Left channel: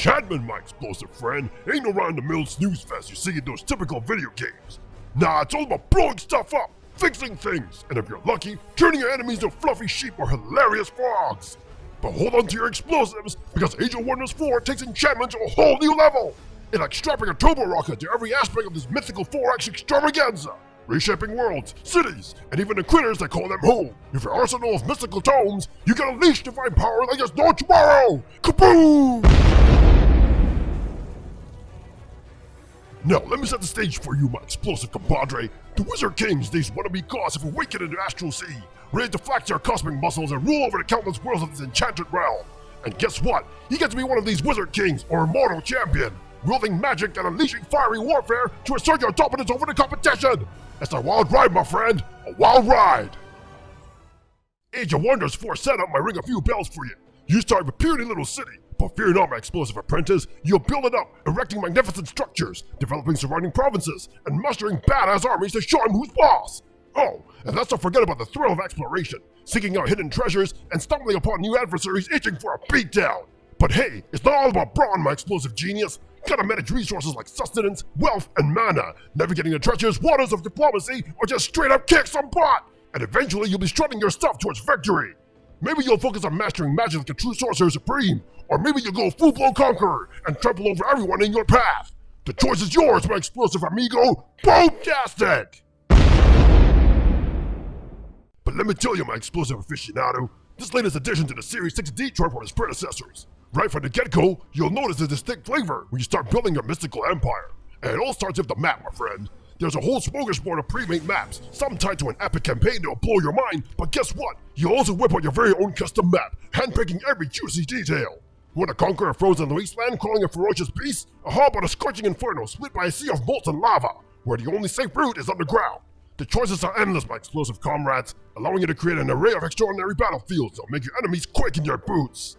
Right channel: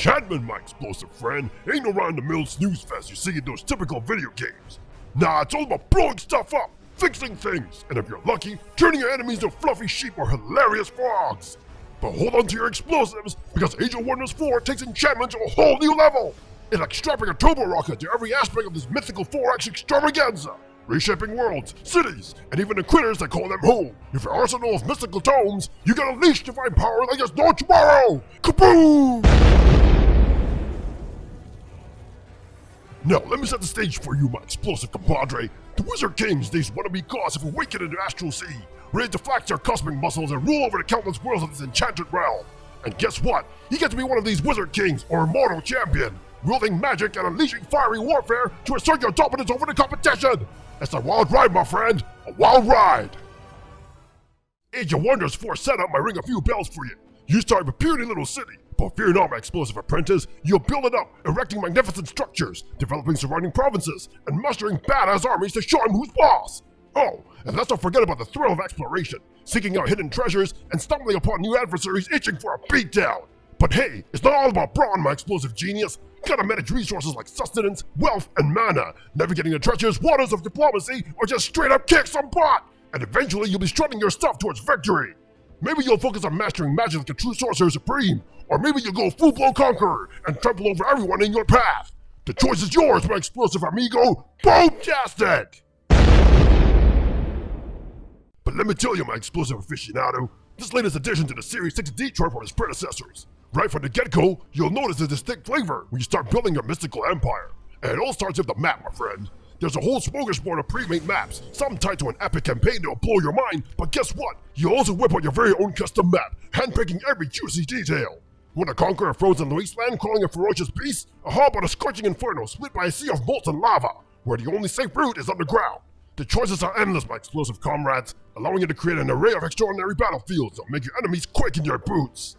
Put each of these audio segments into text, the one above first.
Enchantment, my explosive friend, ain't no round-the-mill snooze fest you see in those typical video games. Nah, it's all about blowing stuff up, fixing things, and if you're lucky, turning your enemies into fluffy sheep or hilarious frogs. But hold on to your explosives, because Age of Wonders 4 takes enchantment to a whole new level! It's like strapping a turbo rocket to every aspect of this mythical 4X extravaganza, reshaping worlds, cities, and even the critters that call them home. With your arsenal of mystical tomes, you can unleash divine power like there's no tomorrow! Kaboom! Now, let me set the stage for you, my explosive compadre. The Wizard Kings, these wannabe gods, have awakened in the astral sea, ready to flex their cosmic muscles and rule over the countless worlds of this enchanted realm. And guess what? You get to be one of these Wizard Kings, or immortal champion, wielding magic and unleashing fiery warfare to assert your dominance over the competition. It's a wild ride, my friend, a wild ride. Age of Wonders 4 setup might ring a few bells for you. You start with a puny little city, but fear not, my explosive apprentice, you'll build it up, erecting magnificent structures, developing surrounding provinces, and mastering badass armies to show him who's boss. Oh, and let's not forget about the thrill of exploration, seeking out hidden treasures, and stumbling upon new adversaries itching for a beatdown. But hey, it's not all about brawn, my explosive genius. Gotta manage resources like sustenance, wealth, and mana, navigating the treacherous waters of diplomacy, or just straight up kick some butt. And eventually you'll be strutting your stuff towards victory. Maybe you'll focus on mastering magic like a true sorcerer supreme, or maybe you'll go full-blown conqueror and trample over everyone in your path. The choice is yours, my explosive amigo. Boomtastic! But let me tell you, my explosive aficionado, this latest addition to the Series 6 Detroit from its predecessors. Right from the get-go, you'll notice a distinct flavor when you start building your mystical empire. And it all starts with the map, my friend. There's a whole smorgasbord of pre-made maps, some tied to an epic campaign that'll blow your mind, but guess what? You'll also whip out your very own custom map, handpicking every juicy detail. Want to conquer a frozen wasteland crawling a ferocious beast? Or how about a scorching inferno split by a sea of molten lava, where the only safe route is underground? The choices are endless, my explosive comrades, allowing you to create an array of extraordinary battlefields that'll make your enemies quake in their boots.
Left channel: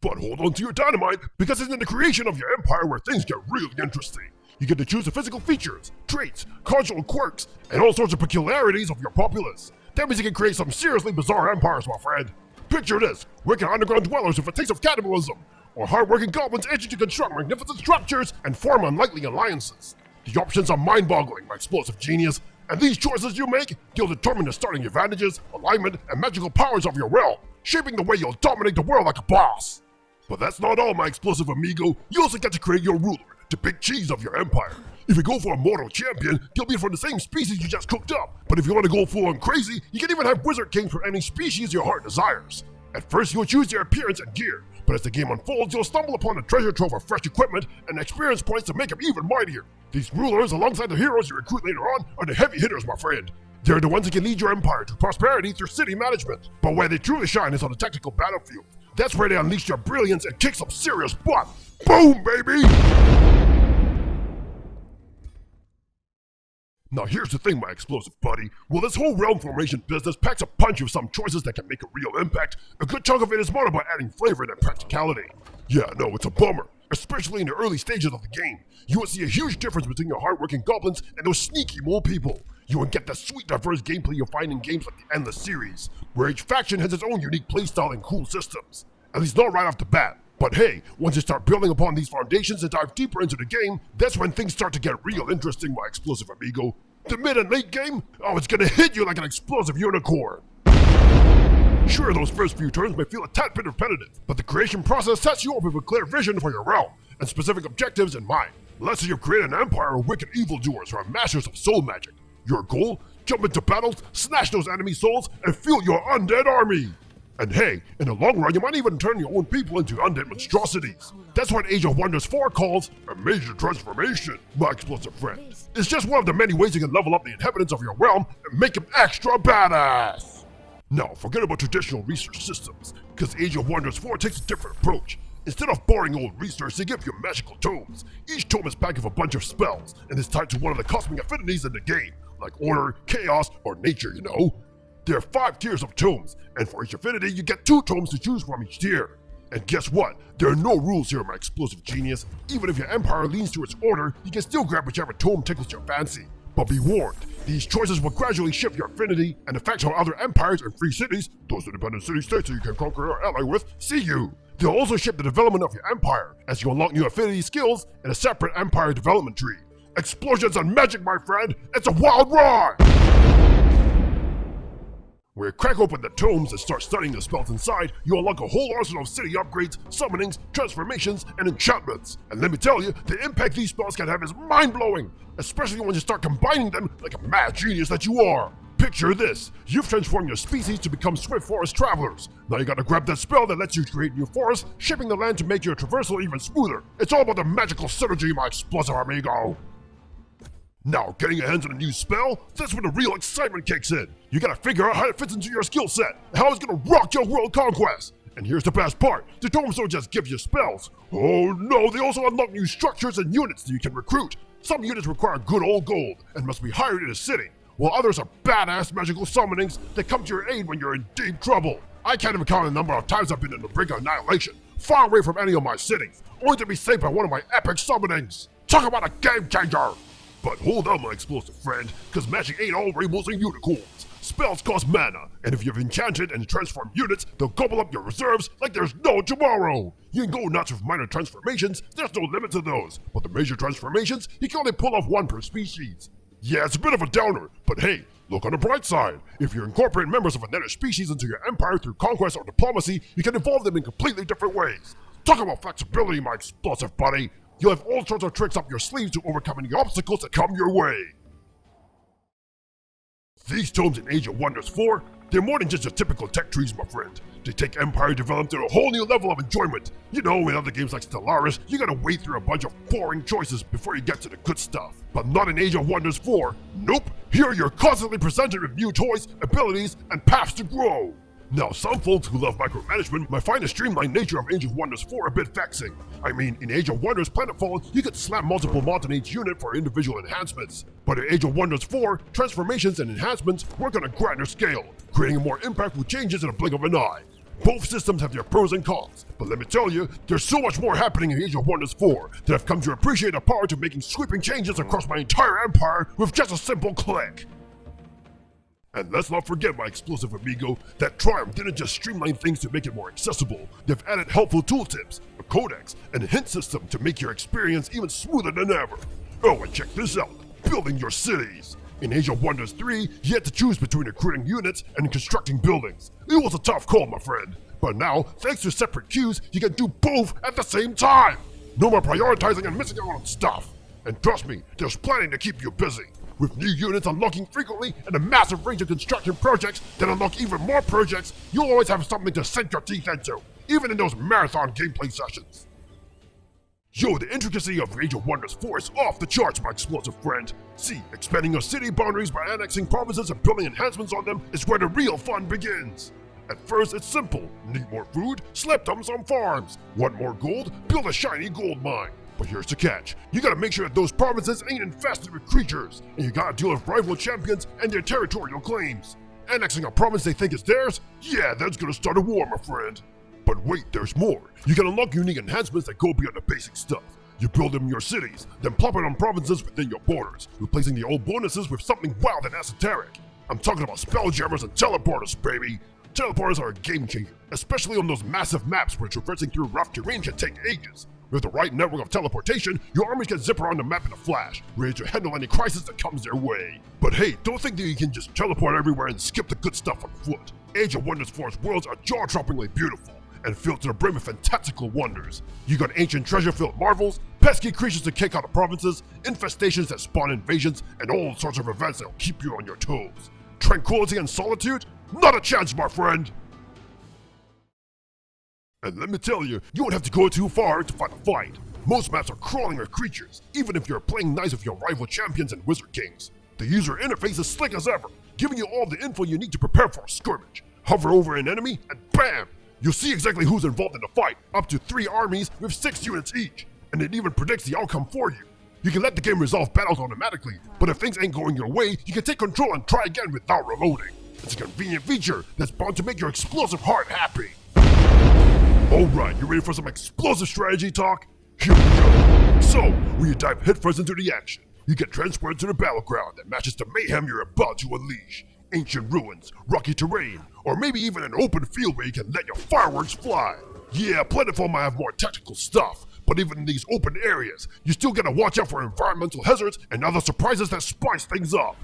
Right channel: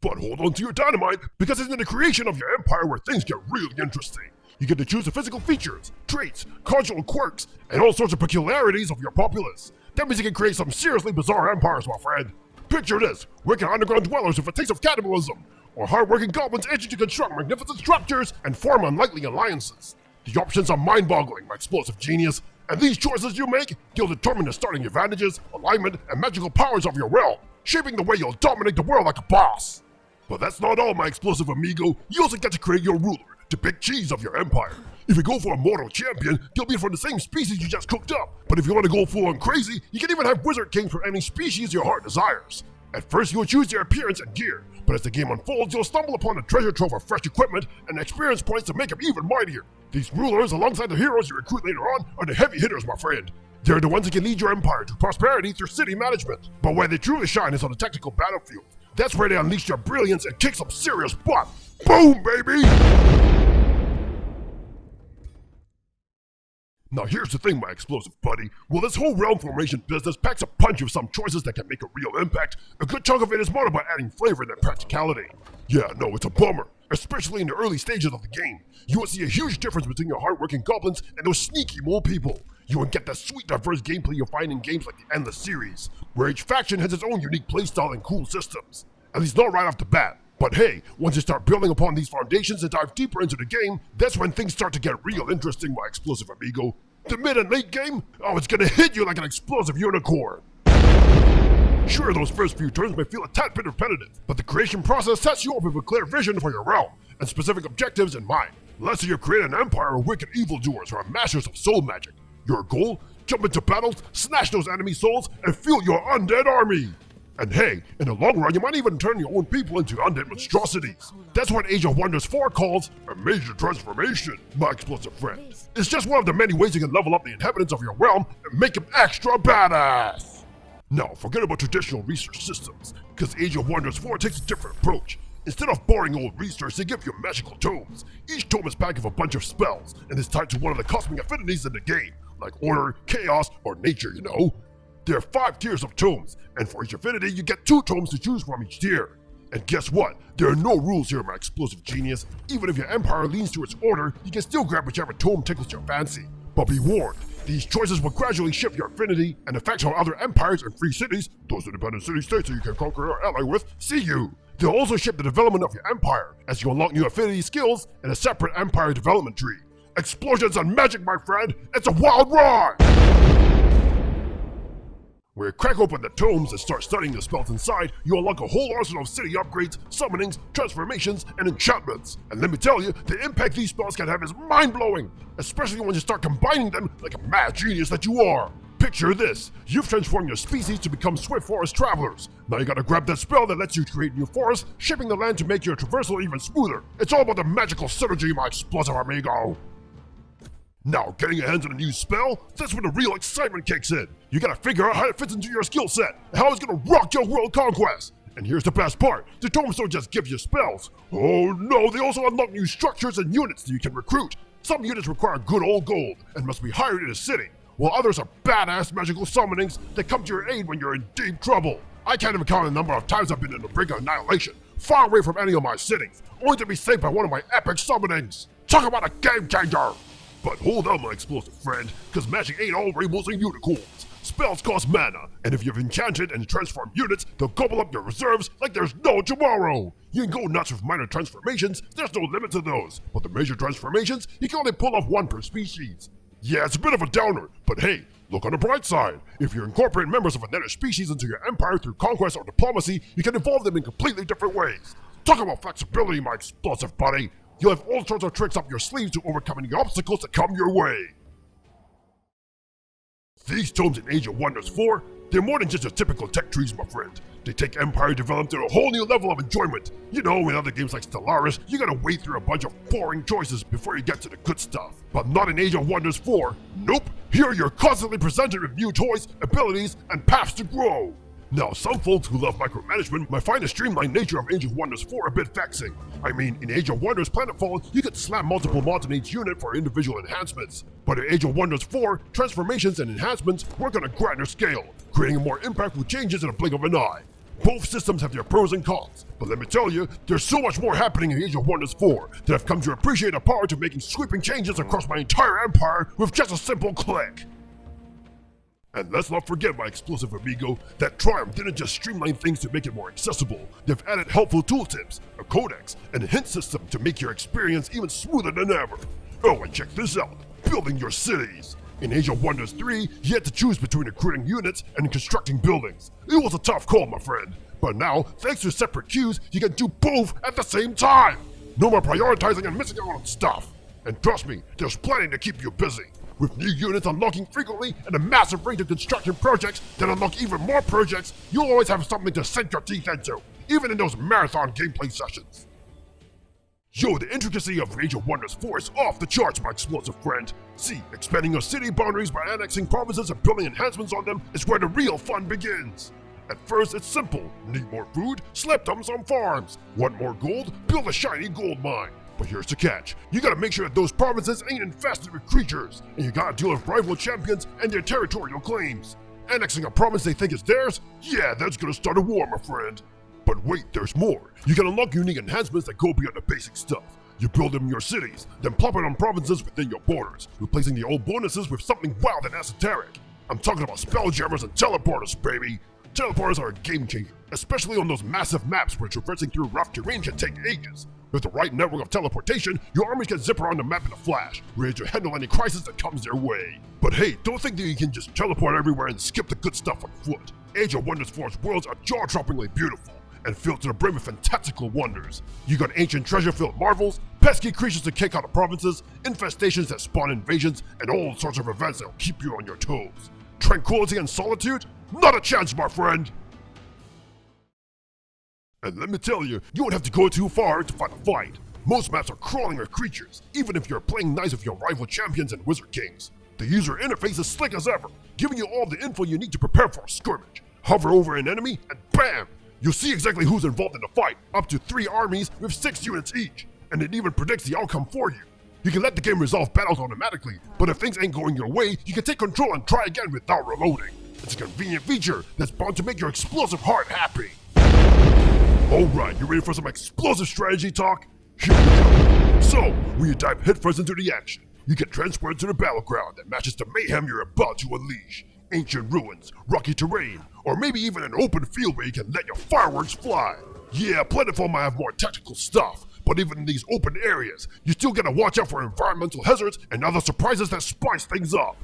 But hold on to your dynamite, because it's in the creation of your empire where things get really interesting. You get to choose the physical features, traits, cultural quirks, and all sorts of peculiarities of your populace. That means you can create some seriously bizarre empires, my friend. Picture this, wicked underground dwellers with a taste of cannibalism, or hard-working goblins itching to construct magnificent structures and form unlikely alliances. The options are mind-boggling, my explosive genius, and these choices you make, you'll determine the starting advantages, alignment, and magical powers of your realm, shaping the way you'll dominate the world like a boss. But that's not all, my explosive amigo. You also get to create your ruler, the big cheese of your empire. If you go for a mortal champion, he'll be from the same species you just cooked up. But if you want to go full on crazy, you can even have Wizard Kings for any species your heart desires. At first, you'll choose their appearance and gear, but as the game unfolds, you'll stumble upon a treasure trove of fresh equipment and experience points to make them even mightier. These rulers, alongside the heroes you recruit later on, are the heavy hitters, my friend. They're the ones that can lead your empire to prosperity through city management. But where they truly shine is on the tactical battlefield. That's where they unleash their brilliance and kick some serious butt. Boom, baby! Now here's the thing, my explosive buddy. Well, this whole realm formation business packs a punch with some choices that can make a real impact. A good chunk of it is modeled by adding flavor and practicality. Yeah, no, it's a bummer. Especially in the early stages of the game. You will see a huge difference between your hardworking goblins and those sneaky mole people. You won't get the sweet, diverse gameplay you'll find in games like the Endless series, where each faction has its own unique playstyle and cool systems. At least not right off the bat. But hey, once you start building upon these foundations and dive deeper into the game, that's when things start to get real interesting, my explosive amigo. The mid and late game? Oh, it's gonna hit you like an explosive unicorn. Sure, those first few turns may feel a tad bit repetitive, but the creation process sets you up with a clear vision for your realm, and specific objectives in mind. Let's say you create an empire of wicked evildoers who are masters of soul magic. Your goal? Jump into battles, snatch those enemy souls, and fuel your undead army! And hey, in the long run, you might even turn your own people into undead monstrosities. That's what Age of Wonders 4 calls a major transformation, my explosive friend. It's just one of the many ways you can level up the inhabitants of your realm and make them extra badass. Now, forget about traditional research systems, because Age of Wonders 4 takes a different approach. Instead of boring old research, they give you magical tomes. Each tome is packed with a bunch of spells, and is tied to one of the cosmic affinities in the game, like order, chaos, or nature, you know. There are 5 tiers of tomes, and for each affinity, you get 2 tomes to choose from each tier. And guess what? There are no rules here, my explosive genius. Even if your empire leans towards order, you can still grab whichever tome tickles your fancy. But be warned, these choices will gradually shift your affinity and affect how other empires and free cities, those independent city-states that you can conquer or ally with, see you. They'll also shape the development of your empire as you unlock new affinity skills in a separate empire development tree. Explosions and magic, my friend! It's a wild ride! When you crack open the tomes and start studying the spells inside, you unlock a whole arsenal of city upgrades, summonings, transformations, and enchantments. And let me tell you, the impact these spells can have is mind-blowing, especially when you start combining them like a mad genius that you are. Picture this, you've transformed your species to become swift forest travelers. Now you gotta grab that spell that lets you create new forests, shaping the land to make your traversal even smoother. It's all about the magical synergy, my explosive amigo. Now, getting your hands on a new spell, that's when the real excitement kicks in. You gotta figure out how it fits into your skill set, and how it's gonna rock your world conquest. And here's the best part, the tomes don't just give you spells. Oh no, they also unlock new structures and units that you can recruit. Some units require good old gold, and must be hired in a city, while others are badass magical summonings that come to your aid when you're in deep trouble. I can't even count the number of times I've been in the brink of annihilation, far away from any of my cities, only to be saved by one of my epic summonings. Talk about a game changer! But hold on, my explosive friend, because magic ain't all rainbows and unicorns. Spells cost mana, and if you've enchanted and transformed units, they'll gobble up your reserves like there's no tomorrow. You can go nuts with minor transformations, there's no limit to those, but the major transformations, you can only pull off one per species. Yeah, it's a bit of a downer, but hey, look on the bright side. If you incorporate members of another species into your empire through conquest or diplomacy, you can evolve them in completely different ways. Talk about flexibility, my explosive buddy. You'll have all sorts of tricks up your sleeves to overcome any obstacles that come your way. These tomes in Age of Wonders 4, they're more than just your typical tech trees, my friend. They take empire development to a whole new level of enjoyment. You know, in other games like Stellaris, you gotta wade through a bunch of boring choices before you get to the good stuff. But not in Age of Wonders 4. Nope, here you're constantly presented with new toys, abilities, and paths to grow. Now, some folks who love micromanagement might find the streamlined nature of Age of Wonders 4 a bit vexing. I mean, in Age of Wonders Planetfall, you could slap multiple mods in each unit for individual enhancements. But in Age of Wonders 4, transformations and enhancements work on a grander scale, creating more impactful changes in a blink of an eye. Both systems have their pros and cons, but let me tell you, there's so much more happening in Age of Wonders 4 that I've come to appreciate the power to making sweeping changes across my entire empire with just a simple click. And let's not forget, my explosive amigo, that Triumph didn't just streamline things to make it more accessible. They've added helpful tooltips, a codex, and a hint system to make your experience even smoother than ever. Oh, and check this out, building your cities. In Age of Wonders 3, you had to choose between recruiting units and constructing buildings. It was a tough call, my friend. But now, thanks to separate queues, you can do both at the same time. No more prioritizing and missing out on stuff. And trust me, there's plenty to keep you busy. With new units unlocking frequently and a massive range of construction projects that unlock even more projects, you'll always have something to sink your teeth into, even in those marathon gameplay sessions. Yo, the intricacy of Age of Wonders 4 is off the charts, my explosive friend. See, expanding your city boundaries by annexing provinces and building enhancements on them is where the real fun begins. At first, it's simple. Need more food? Slap them some farms. Want more gold? Build a shiny gold mine. But here's the catch. You gotta make sure that those provinces ain't infested with creatures, and you gotta deal with rival champions and their territorial claims. Annexing a province they think is theirs? Yeah, that's gonna start a war, my friend. But wait, there's more. You can unlock unique enhancements that go beyond the basic stuff. You build them in your cities, then plop it on provinces within your borders, replacing the old bonuses with something wild and esoteric. I'm talking about spelljammers and teleporters, baby. Teleporters are a game changer, especially on those massive maps where traversing through rough terrain can take ages. With the right network of teleportation, your armies can zip around the map in a flash, ready to handle any crisis that comes their way. But hey, don't think that you can just teleport everywhere and skip the good stuff on foot. Age of Wonders 4's worlds are jaw-droppingly beautiful, and filled to the brim with fantastical wonders. You got ancient treasure-filled marvels, pesky creatures to kick out of provinces, infestations that spawn invasions, and all sorts of events that'll keep you on your toes. Tranquility and solitude? Not a chance, my friend! And let me tell you, you won't have to go too far to find a fight. Most maps are crawling with creatures, even if you're playing nice with your rival champions and wizard kings. The user interface is slick as ever, giving you all the info you need to prepare for a skirmish. Hover over an enemy, and bam! You'll see exactly who's involved in the fight, up to 3 armies with 6 units each, and it even predicts the outcome for you. You can let the game resolve battles automatically, but if things ain't going your way, you can take control and try again without reloading. It's a convenient feature that's bound to make your explosive heart happy. Alright, you ready for some explosive strategy talk? Here we go. So, when you dive headfirst into the action, you get transported to the battleground that matches the mayhem you're about to unleash. Ancient ruins, rocky terrain, or maybe even an open field where you can let your fireworks fly. Yeah, Plentiful might have more tactical stuff, but even in these open areas, you still gotta watch out for environmental hazards and other surprises that spice things up.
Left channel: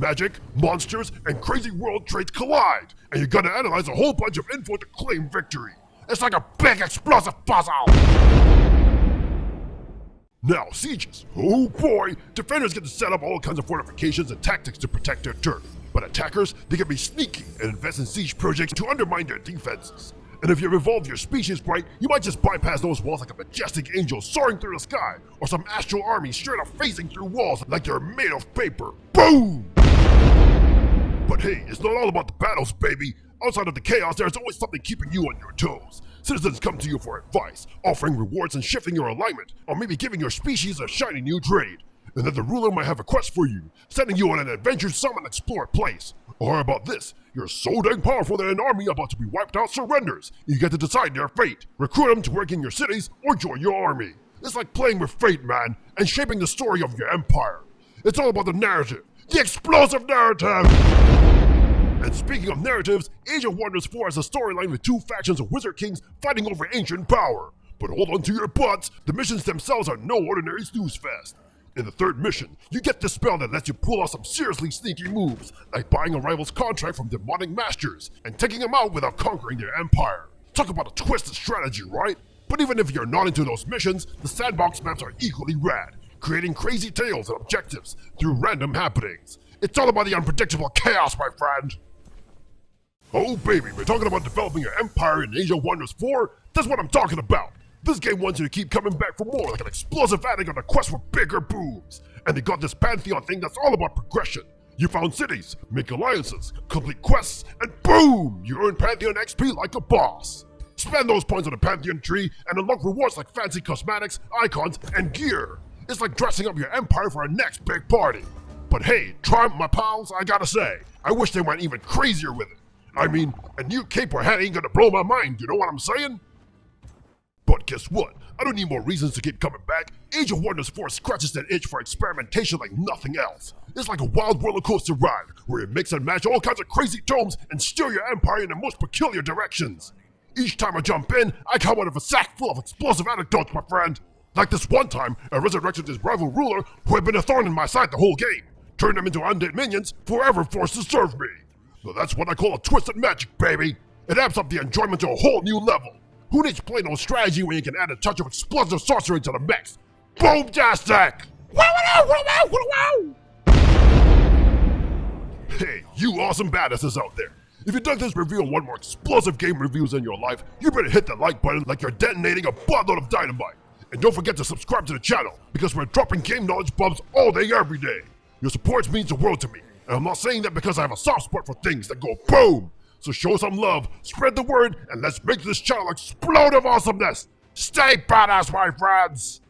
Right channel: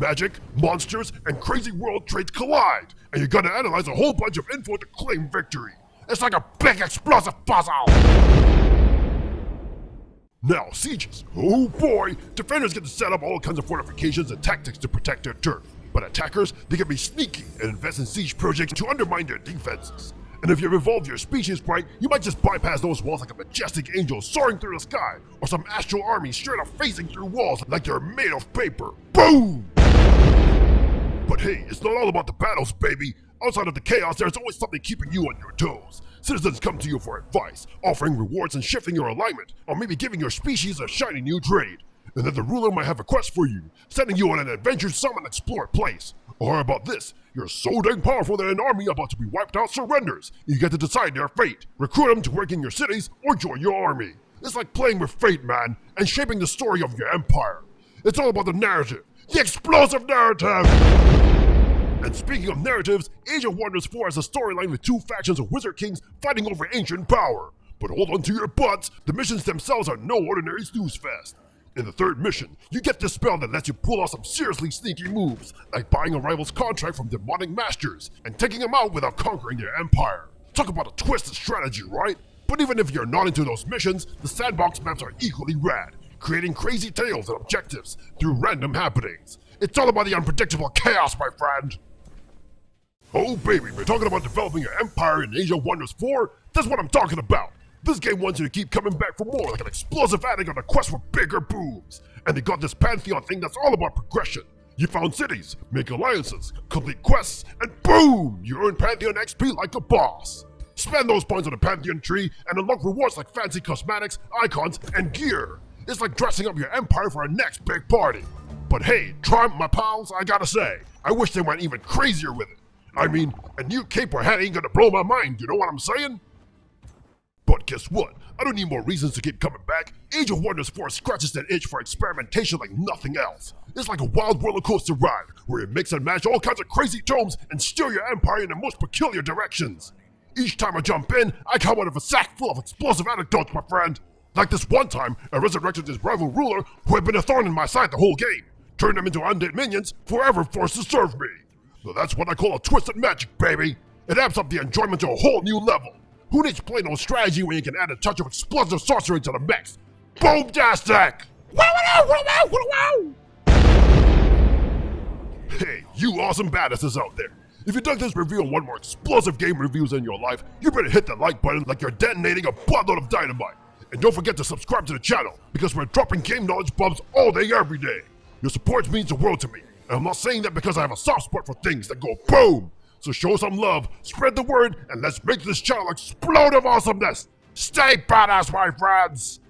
Magic, monsters, and crazy world traits collide, and you gotta analyze a whole bunch of info to claim victory. It's like a big explosive puzzle! Now, sieges. Oh boy! Defenders get to set up all kinds of fortifications and tactics to protect their turf. But attackers, they can be sneaky and invest in siege projects to undermine their defenses. And if you've evolved your species right, you might just bypass those walls like a majestic angel soaring through the sky, or some astral army straight up facing through walls like you're made of paper. Boom! But hey, it's not all about the battles, baby. Outside of the chaos, there's always something keeping you on your toes. Citizens come to you for advice, offering rewards and shifting your alignment, or maybe giving your species a shiny new trade. And then the ruler might have a quest for you, sending you on an adventure some unexplored place. Or how about this? You're so dang powerful that an army about to be wiped out surrenders. You get to decide their fate, recruit them to work in your cities, or join your army. It's like playing with fate, man, and shaping the story of your empire. It's all about the narrative, the explosive narrative! And speaking of narratives, Age of Wonders 4 has a storyline with two factions of wizard kings fighting over ancient power. But hold on to your butts, the missions themselves are no ordinary snooze fest. In the third mission, you get this spell that lets you pull off some seriously sneaky moves, like buying a rival's contract from demonic masters and taking them out without conquering their empire. Talk about a twisted strategy, right? But even if you're not into those missions, the sandbox maps are equally rad, creating crazy tales and objectives through random happenings. It's all about the unpredictable chaos, my friend! Oh baby, we're talking about developing your empire in Age of Wonders 4? That's what I'm talking about! This game wants you to keep coming back for more, like an explosive addict on a quest for bigger booms. And they got this Pantheon thing that's all about progression. You found cities, make alliances, complete quests, and boom! You earn Pantheon XP like a boss. Spend those points on the Pantheon tree and unlock rewards like fancy cosmetics, icons, and gear. It's like dressing up your empire for our next big party. But hey, Triumph, my pals, I gotta say, I wish they went even crazier with it. I mean, a new cape or hat ain't gonna blow my mind, you know what I'm saying? But guess what? I don't need more reasons to keep coming back. Age of Wonders 4 scratches that itch for experimentation like nothing else. It's like a wild roller coaster ride, where you mix and match all kinds of crazy tomes and steer your empire in the most peculiar directions. Each time I jump in, I come out of a sack full of explosive anecdotes, my friend. Like this one time, I resurrected this rival ruler who had been a thorn in my side the whole game. Turned them into undead minions, forever forced to serve me. So that's what I call a twisted magic, baby. It amps up the enjoyment to a whole new level. Who needs plain old strategy when you can add a touch of explosive sorcery to the mix? Boom-tastic! Hey, you awesome badasses out there. If you dug this review and want more explosive game reviews in your life, you better hit the like button like you're detonating a buttload of dynamite. And don't forget to subscribe to the channel, because we're dropping game knowledge bombs all day every day. Your support means the world to me. And I'm not saying that because I have a soft spot for things that go boom! So show some love, spread the word, and let's make this channel explode of awesomeness! Stay badass, my friends!